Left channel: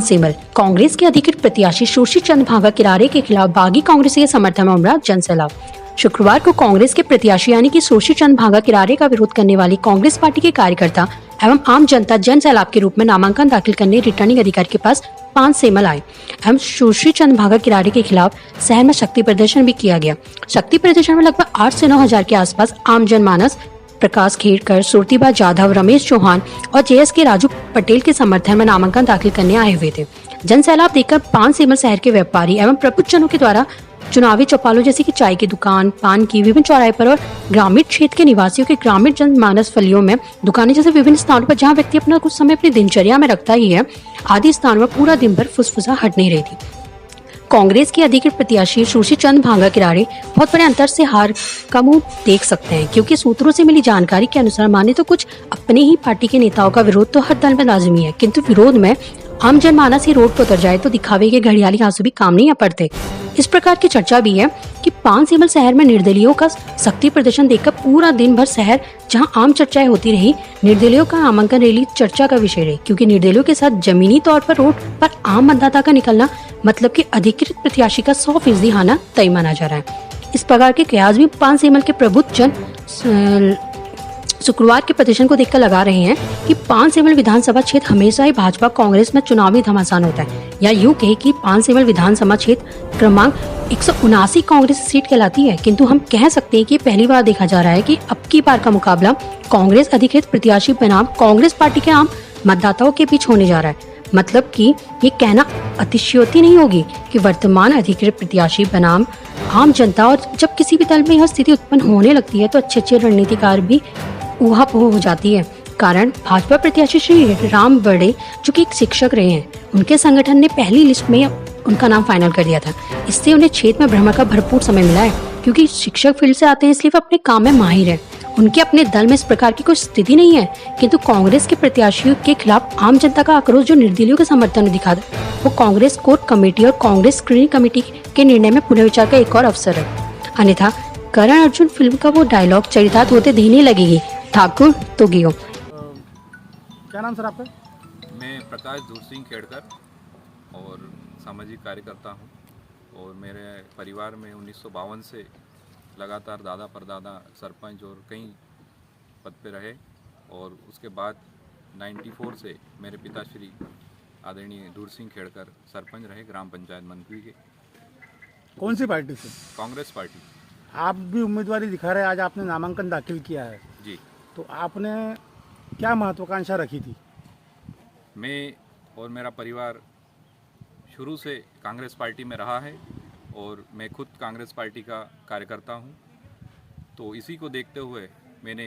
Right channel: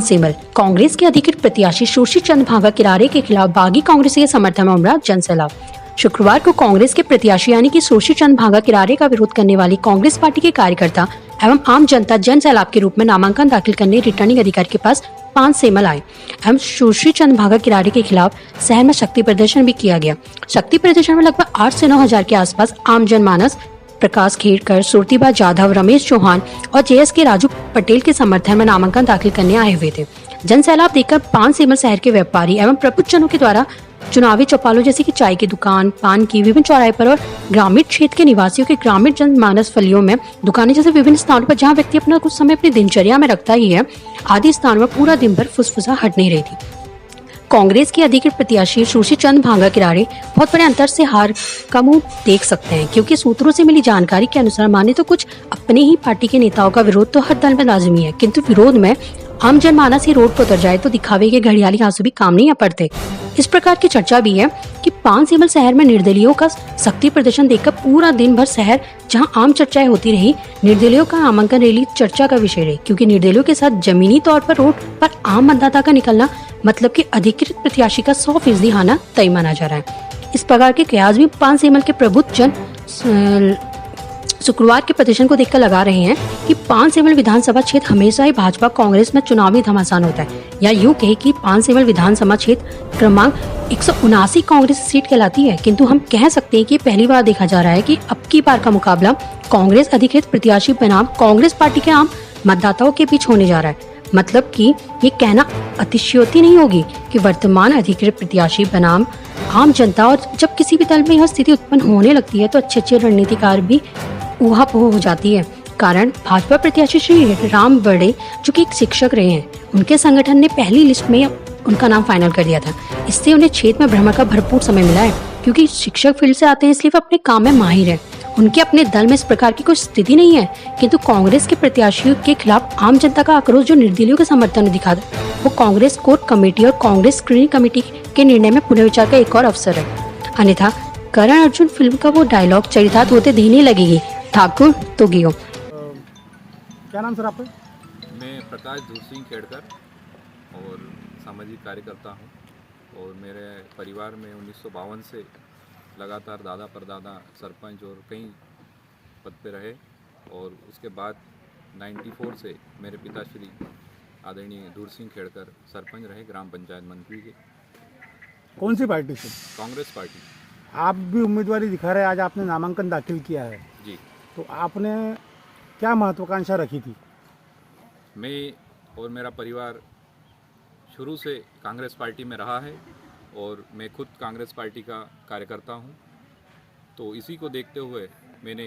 पानसेमल। कांग्रेस के अधिकृत प्रत्याशी सुशील चंद्र भागा किरारे के खिलाफ बागी कांग्रेसी के समर्थन में उमड़ा जनसैलाब। शुक्रवार को कांग्रेस के प्रत्याशी यानी कि सुशील चंद्र भागा किरारे का विरोध करने वाली कांग्रेस पार्टी के कार्यकर्ता एवं आम जनता जनसैलाब के रूप में नामांकन दाखिल करने रिटर्निंग अधिकारी के पास पानसेमल आए एवं सुशील चंद्र भागा किरारे के खिलाफ शहर में शक्ति प्रदर्शन भी किया गया। शक्ति प्रदर्शन में लगभग 8 से 9 हजार के आसपास आम जनमानस प्रकाश खेड़कर, सुरतीबा जाधव, रमेश चौहान और जेएस के राजू पटेल के समर्थन में नामांकन दाखिल करने आए हुए थे। जनसैलाब देखकर पानसेमल शहर के व्यापारी एवं प्रबुद्धजनों के द्वारा चुनावी चौपालों जैसे कि चाय की दुकान, पान की विभिन्न चौराहे पर और ग्रामीण क्षेत्र के निवासियों के ग्रामीण जनमानस फलियों में दुकानें जैसे विभिन्न स्थानों पर जहां व्यक्ति अपना कुछ समय अपनी दिनचर्या में रखता ही है, आदि स्थानों में पूरा दिन भर फुसफुसा हट नहीं रही थी। कांग्रेस के अधिकृत प्रत्याशी सुशील चंद्र भागा किरारे बहुत बड़े अंतर से हार का मुंह देख सकते हैं, क्योंकि सूत्रों से मिली जानकारी के अनुसार माने तो कुछ अपने ही पार्टी के नेताओं का विरोध तो हर दल में लाजमी है, किंतु विरोध में आम जनमानस ही रोड पर उतर जाए तो दिखावे के घड़ियाली आंसू भी काम नहीं आ पड़ते। इस प्रकार की चर्चा भी है कि पानसेमल शहर में निर्दलीयों का शक्ति प्रदर्शन देखकर पूरा दिन भर शहर जहां आम चर्चाएं होती रही, निर्दलीयों का नामांकन रैली चर्चा का विषय रही, क्योंकि निर्दलीयों के साथ जमीनी तौर पर रोड पर आम मतदाता का निकलना मतलब कि अधिकृत प्रत्याशी का 100% हाना तय माना जा रहा है। इस प्रकार के कयास भी पानसेमल के प्रबुद्ध जन शुक्रवार के प्रदर्शन को देखकर लगा रहे हैं कि पानसेमल विधानसभा क्षेत्र हमेशा ही भाजपा कांग्रेस में चुनावी घमासान होता है, या यूं कहे कि पानसेमल विधानसभा क्षेत्र क्रमांक 179 कांग्रेस सीट कहलाती है, किंतु हम कह सकते हैं कि पहली बार देखा जा रहा है कि अब की बार का मुकाबला कांग्रेस अधिकृत प्रत्याशी बनाम कांग्रेस पार्टी के आम मतदाताओं के बीच होने जा रहा है। मतलब कि ये कहना अतिशयोक्ति नहीं होगी कि वर्तमान अधिकृत प्रत्याशी बनाम आम जनता, और जब किसी भी दल में यह स्थिति उत्पन्न होने लगती है तो अच्छे रणनीतिकार भी ऊहापोह हो जाती है। कारण भाजपा प्रत्याशी श्री राम बड़े जो कि एक शिक्षक रहे हैं, उनके संगठन ने पहली लिस्ट में उनका नाम फाइनल कर दिया था। इससे उन्हें क्षेत्र में भ्रमण का भरपूर समय मिला है, क्योंकि शिक्षक फील्ड से आते हैं, इसलिए वो अपने काम में माहिर है। उनके अपने दल में इस प्रकार की कोई स्थिति नहीं है, किंतु कांग्रेस के प्रत्याशियों के खिलाफ आम जनता का आक्रोश जो निर्दलीयों के समर्थन में दिखा वो कांग्रेस कोर कमेटी और कांग्रेस स्क्रीनिंग कमेटी के निर्णय में पुनर्विचार का एक और अवसर है। अन्यथा करण अर्जुन फिल्म का वो डायलॉग चरितार्थ होते देने लगेगी, ठाकुर तो गियो। क्या नाम सर आपका? मैं प्रकाश धूर सिंह खेड़कर और सामाजिक कार्यकर्ता हूं, और मेरे परिवार में 1952 से लगातार दादा परदादा सरपंच और कई पद पे रहे, और उसके बाद 94 से मेरे पिताश्री आदरणीय धूर सिंह खेड़कर सरपंच रहे ग्राम पंचायत मनपुरी के। कौन सी पार्टी से? कांग्रेस पार्टी। आप भी उम्मीदवारी दिखा रहे हैं, आज आपने नामांकन दाखिल किया है जी। तो आपने क्या महत्वाकांक्षा रखी थी? मैं और मेरा परिवार शुरू से कांग्रेस पार्टी में रहा है, और मैं खुद कांग्रेस पार्टी का कार्यकर्ता हूं, तो इसी को देखते हुए मैंने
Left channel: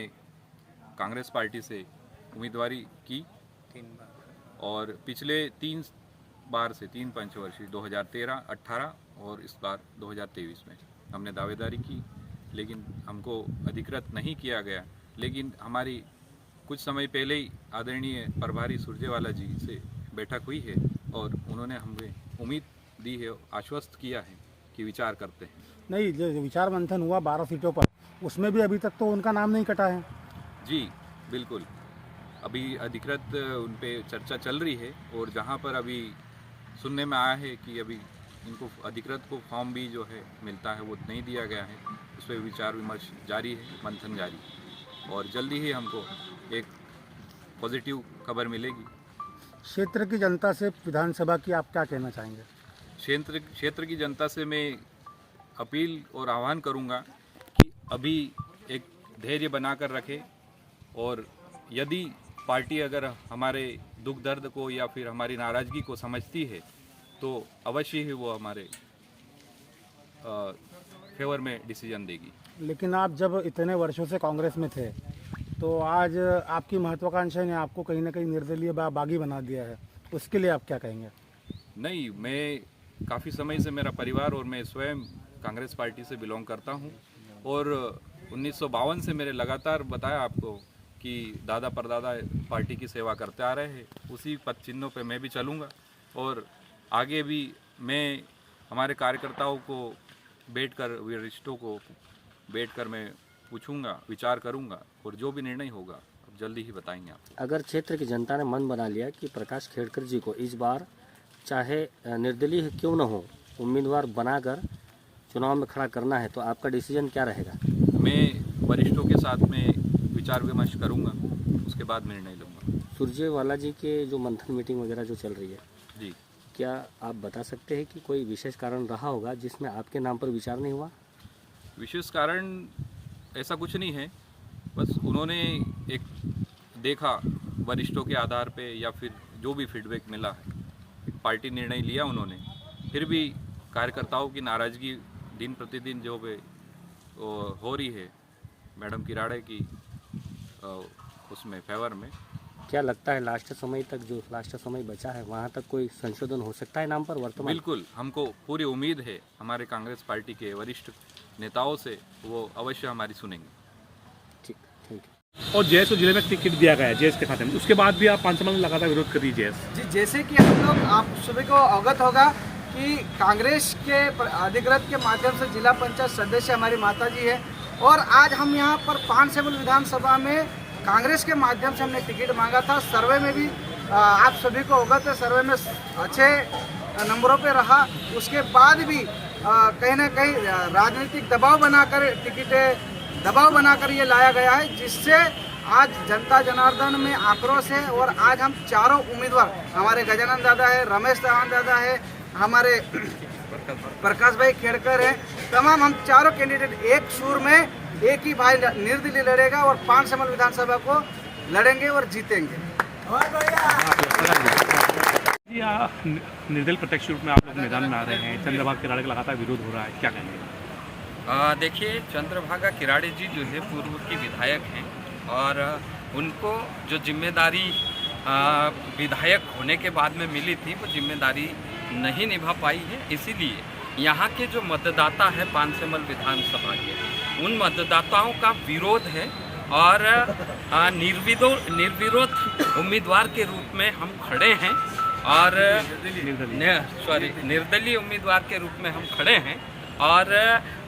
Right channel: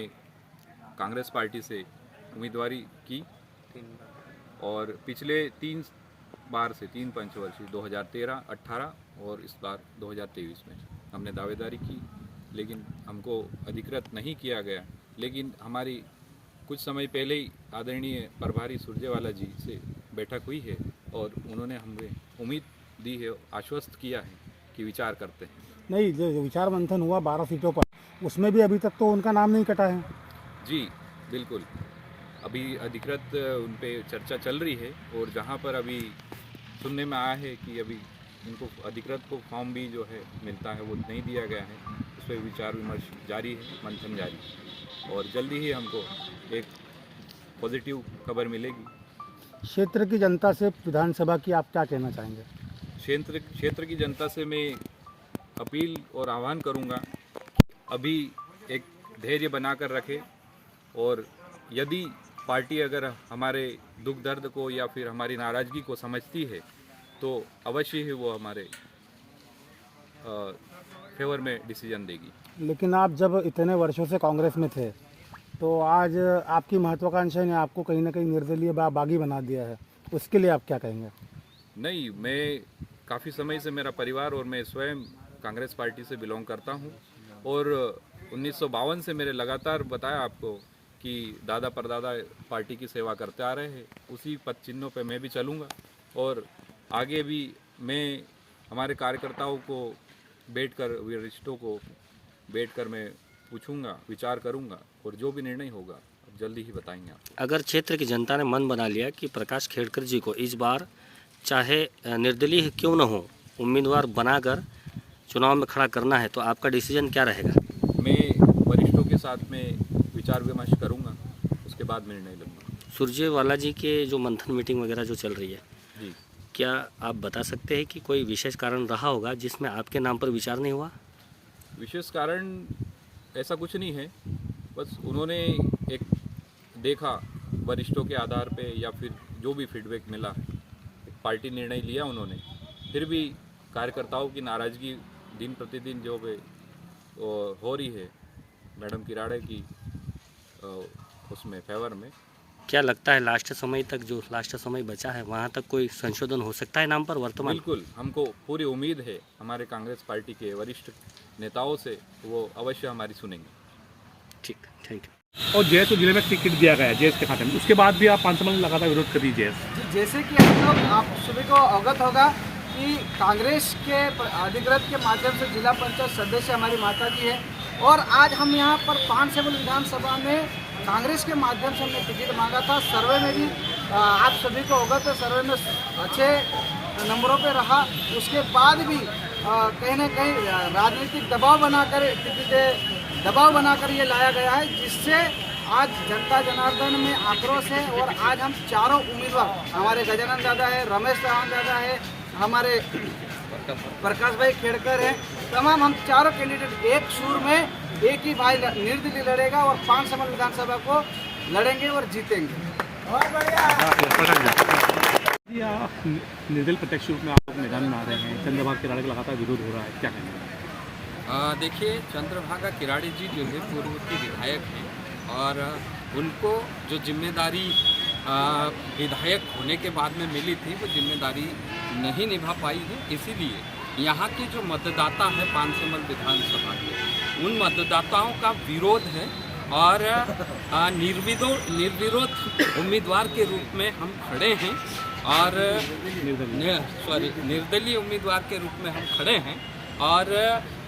कांग्रेस पार्टी से उम्मीदवारी की, और पिछले 3 बार से 3 पंचवर्षीय 2013, 18 और इस बार 2023 में हमने दावेदारी की, लेकिन हमको अधिकृत नहीं किया गया। लेकिन हमारी कुछ समय पहले ही आदरणीय प्रभारी सुरजेवाला जी से बैठक हुई है, और उन्होंने हमें उम्मीद दी है, आश्वस्त किया है कि विचार करते हैं। नहीं, जो विचार मंथन हुआ 12 सीटों पर, उसमें भी अभी तक तो उनका नाम नहीं कटा है। जी बिल्कुल, अभी अधिकृत उन पे चर्चा चल रही है, और जहां पर अभी सुनने में आया है कि अभी इनको अधिकृत को फॉर्म भी जो है मिलता है वो नहीं दिया गया है, उस पर विचार विमर्श जारी है, मंथन जारी है, और जल्दी ही हमको एक पॉजिटिव खबर मिलेगी। क्षेत्र की जनता से विधानसभा की आप क्या कहना चाहेंगे? क्षेत्र की जनता से मैं अपील और आह्वान करूंगा कि अभी एक धैर्य बनाकर रखें, और यदि पार्टी अगर हमारे दुख दर्द को या फिर हमारी नाराज़गी को समझती है तो अवश्य ही वो हमारे फेवर में डिसीजन देगी। लेकिन आप जब इतने वर्षों से कांग्रेस में थे तो आज आपकी महत्वाकांक्षा ने आपको कहीं ना कहीं निर्दलीय बागी बना दिया है, उसके लिए आप क्या कहेंगे? नहीं, मैं काफ़ी समय से, मेरा परिवार और मैं स्वयं कांग्रेस पार्टी से बिलोंग करता हूं, और 1952 से मेरे लगातार बताया आपको कि दादा परदादा पार्टी की सेवा करते आ रहे हैं, उसी पद चिन्हों पे मैं भी चलूँगा, और आगे भी मैं हमारे कार्यकर्ताओं को बैठकर, वरिष्ठों को बैठकर मैं पूछूंगा, विचार करूंगा, और जो भी निर्णय होगा अब जल्दी ही बताएंगे आप। अगर क्षेत्र की जनता ने मन बना लिया कि प्रकाश खेड़कर जी को इस बार चाहे निर्दलीय क्यों न हो, उम्मीदवार बनाकर चुनाव में खड़ा करना है तो आपका डिसीजन क्या रहेगा? मैं वरिष्ठों के साथ में विचार विमर्श करूंगा, उसके बाद निर्णय लूँगा। सुरजेवाला जी के जो मंथन मीटिंग वगैरह जो चल रही है, जी, क्या आप बता सकते हैं कि कोई विशेष कारण रहा होगा जिसमें आपके नाम पर विचार नहीं हुआ? विशेष कारण ऐसा कुछ नहीं है, बस उन्होंने एक देखा वरिष्ठों के आधार पे या फिर जो भी फीडबैक मिला, एक पार्टी निर्णय लिया उन्होंने। फिर भी कार्यकर्ताओं की नाराज़गी दिन प्रतिदिन जो हो रही है मैडम किराड़े की उसमें फेवर में। क्या लगता है लास्ट समय बचा है वहाँ तक कोई संशोधन हो सकता है नाम पर वर्तमान? बिल्कुल, हमको पूरी उम्मीद है हमारे कांग्रेस पार्टी के वरिष्ठ नेताओं से, वो अवश्य हमारी सुनेंगे। ठीक, थैंक यू। और जेएस को जिले में टिकट दिया गया है जेएस के खाते में, उसके बाद भी आप 5 साल लगातार विरोध कर दीजिए। जी, जैसे कि हम लोग आप सभी को अवगत होगा कि कांग्रेस के अधिकृत के माध्यम से जिला पंचायत सदस्य हमारी माता जी है, और आज हम यहाँ पर पानसेमल विधानसभा में कांग्रेस के माध्यम से हमने टिकट मांगा था। सर्वे में भी आप सभी को अवगत है, सर्वे में अच्छे नंबरों पे रहा। उसके बाद भी कहीं ना कहीं राजनीतिक दबाव बनाकर ये लाया गया है, जिससे आज जनता जनार्दन में आक्रोश है। और आज हम चारों उम्मीदवार, हमारे गजानन दादा है, रमेश चौहान दादा है, हमारे प्रकाश भाई खेड़कर है, तमाम हम चारों कैंडिडेट एक सुर में, एक ही भाई निर्दलीय लड़ेगा और पानसेमल विधानसभा को लड़ेंगे और जीतेंगे। निर्दलीय प्रत्यक्ष रूप में आप लोग मैदान में आ रहे हैं, चंद्रभागा किराड़े का लगातार विरोध हो रहा है, क्या कहेंगे? देखिए, चंद्रभागा किराड़े जी जो है पूर्व की विधायक हैं, और उनको जो जिम्मेदारी विधायक होने के बाद में मिली थी वो जिम्मेदारी नहीं निभा पाई है। इसीलिए यहाँ के जो मतदाता है पानसेमल विधानसभा के, उन मतदाताओं का विरोध है, और निर्विरोध उम्मीदवार के रूप में हम खड़े हैं, और निर्दलीय उम्मीदवार के रूप में हम खड़े हैं। और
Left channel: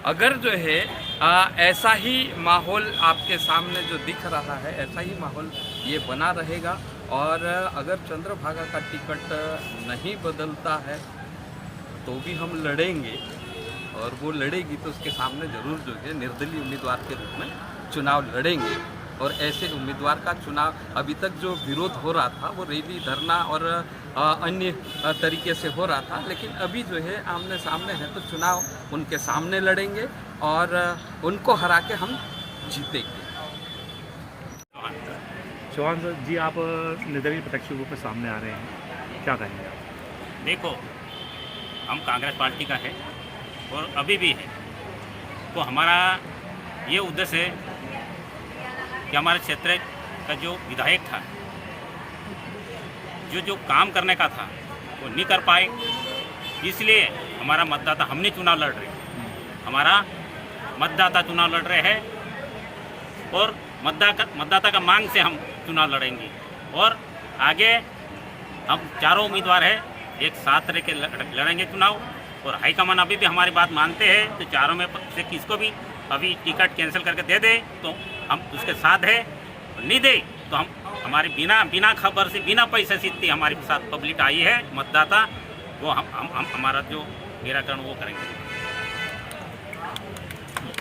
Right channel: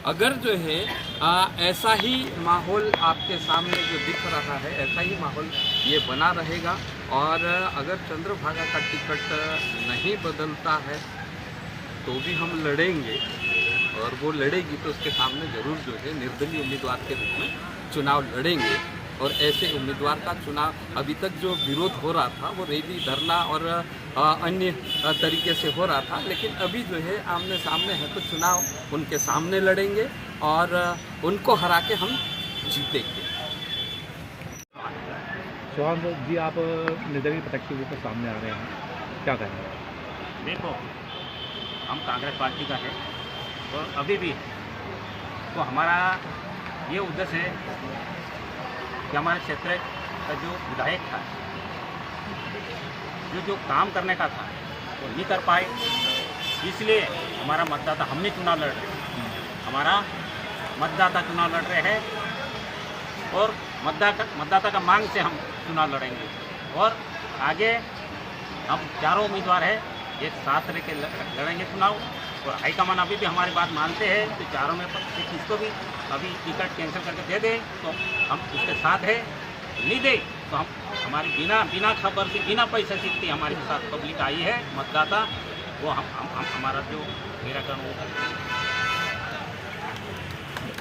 अगर जो है ऐसा ही माहौल आपके सामने जो दिख रहा है, ऐसा ही माहौल ये बना रहेगा, और अगर चंद्रभागा का टिकट नहीं बदलता है तो भी हम लड़ेंगे, और वो लड़ेगी तो उसके सामने ज़रूर जो है निर्दलीय उम्मीदवार के रूप में चुनाव लड़ेंगे। और ऐसे उम्मीदवार का चुनाव, अभी तक जो विरोध हो रहा था वो रैली, धरना और अन्य तरीके से हो रहा था, लेकिन अभी जो है आमने सामने है तो चुनाव उनके सामने लड़ेंगे और उनको हरा के हम जीतेंगे। चौहान जी, आप निर्दलीय प्रत्यक्ष रूप में सामने आ रहे हैं, क्या कहेंगे आप? देखो, हम कांग्रेस पार्टी का है और अभी भी है, तो हमारा ये उद्देश्य है कि हमारे क्षेत्र का जो विधायक था, जो काम करने का था वो नहीं कर पाए, इसलिए हमारा मतदाता, हम नहीं चुनाव लड़ रहे, हमारा मतदाता चुनाव लड़ रहे हैं, और मतदाता का मांग से हम चुनाव लड़ेंगे। और आगे हम चारों उम्मीदवार हैं, एक साथ रह के लड़ेंगे चुनाव। और हाईकमान अभी भी हमारी बात मानते हैं, तो चारों में से किसको भी अभी टिकट कैंसिल करके दे दे तो हम उसके साथ है, नहीं दे तो हम हमारी बिना खबर से, बिना पैसे से इतनी हमारे साथ पब्लिक आई है, मतदाता, वो हम हमारा जो निराकरण वो करेंगे।